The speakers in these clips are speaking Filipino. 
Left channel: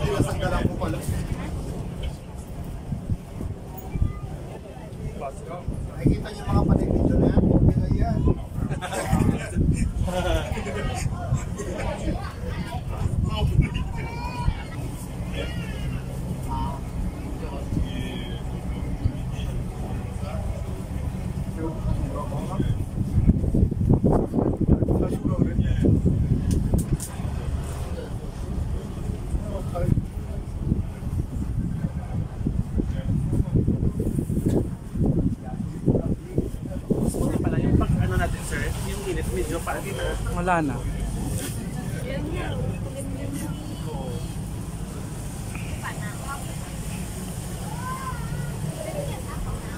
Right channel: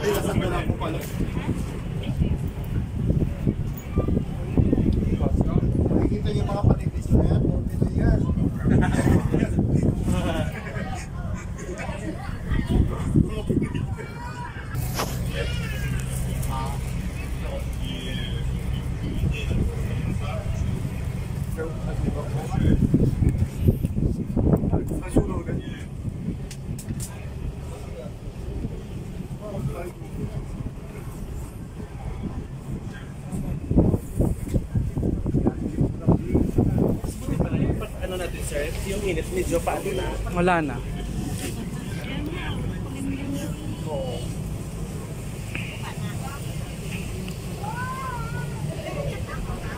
Kasanggalan ko pala. Nakikita niyo mga patignisyo na yan, kung Pinoy yan. Yung init, medyo paano na? Wala na.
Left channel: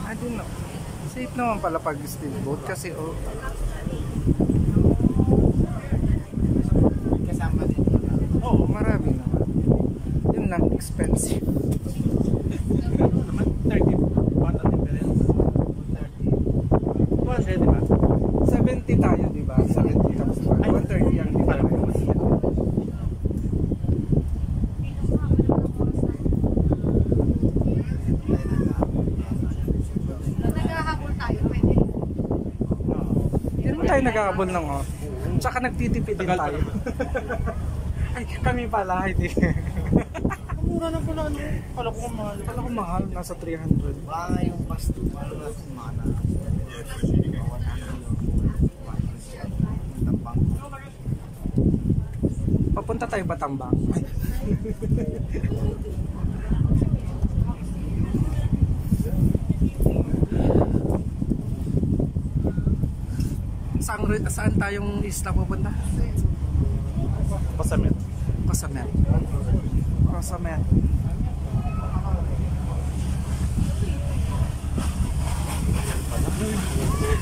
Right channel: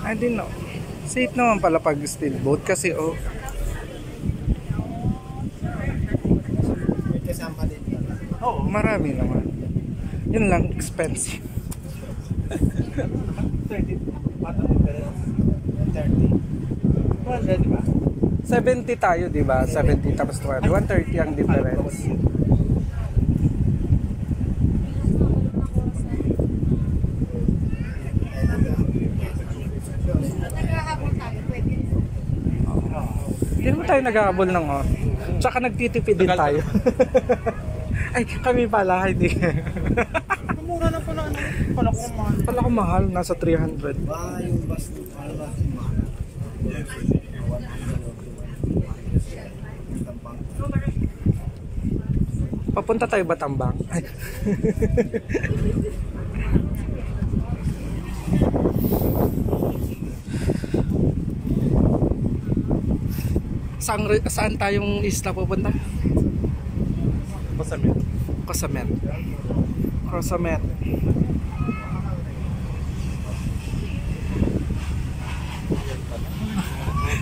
I didn't know. Safe naman pala pag steel boat kasi oh. Kasama din yun. Oo, marami naman. Yun lang, expensive. Naman, 30 baht ang difference. 30. 200, di ba? 70 tayo, di ba? 70 tapos 130 ang difference. Naghahabol tayo, pwede. Hindi naman tayo nagkakabol ng oh. Tsaka nagtitipid din tayo. Ay, kami pala, hindi. Mura na pala, ano? Kala ko mahal. Kala ko mahal, nasa 300. Ba yung bus para ba si Mana? Papunta tayo Batambang. Ay. Saan tayong isla pupunta? Pasamet. Cosamet. Cosamet.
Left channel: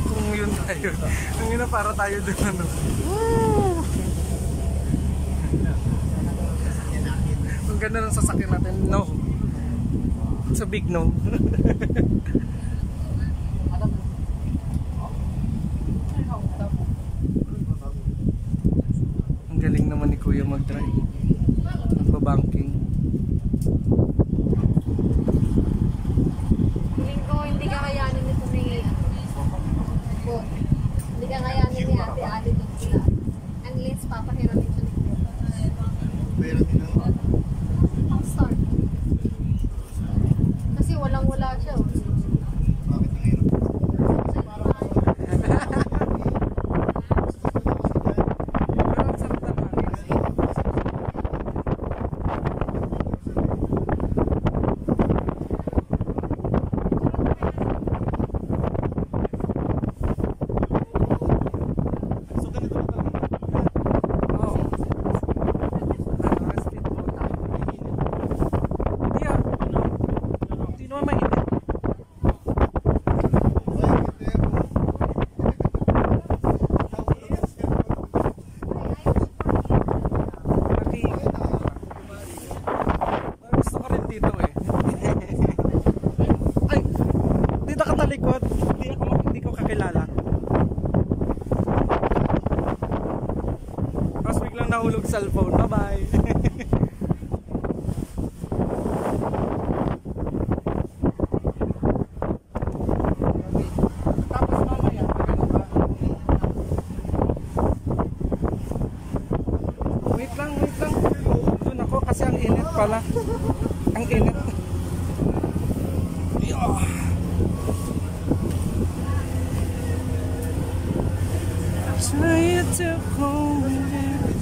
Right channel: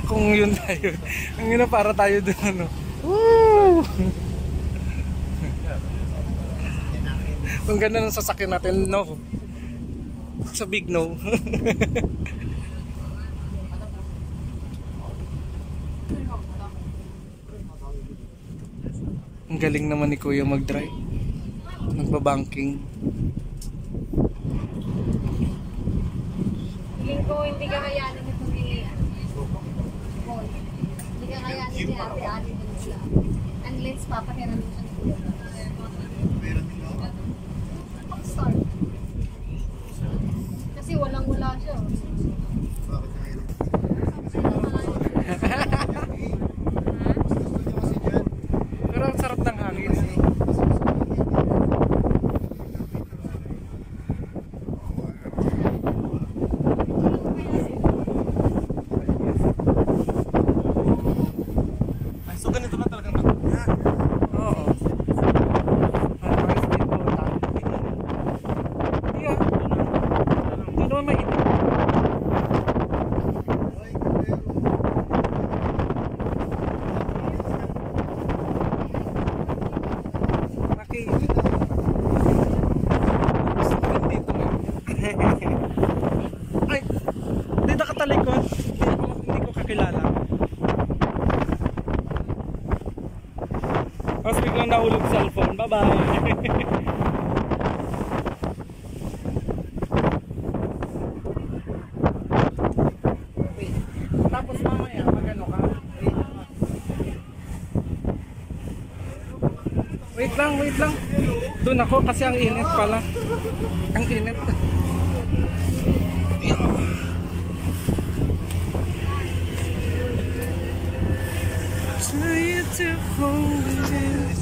Kung yun tayo. Ang ina para tayo dun ano. Woo! Kung ganda ng sasakyan natin, no. It's a big no. Ang galing naman ni Kuya mag-drive. Nagbabanking. Feeling ko hindi kakayanin nito ni Bon. Hindi kakayanin ni Ate Ali din sila. Unless papahiramin siya ni Kuya. Pero din ako. Ang start. Kasi walang-wala siya. Oh. Bakit ang hirap? Pero ang sarap ng hangin. So ganito na talaga. Oo. Hindi ah. Hindi naman mainit. Gusto ko rin dito eh. Ay! Dito ka talikod. Hindi ko kakilala. Tapos biglang nahulog cellphone. Bye-bye! Tapos mamaya, magano ka? Wait lang, wait lang. Doon ako kasi ang init pala. Ang init. Try to hold it.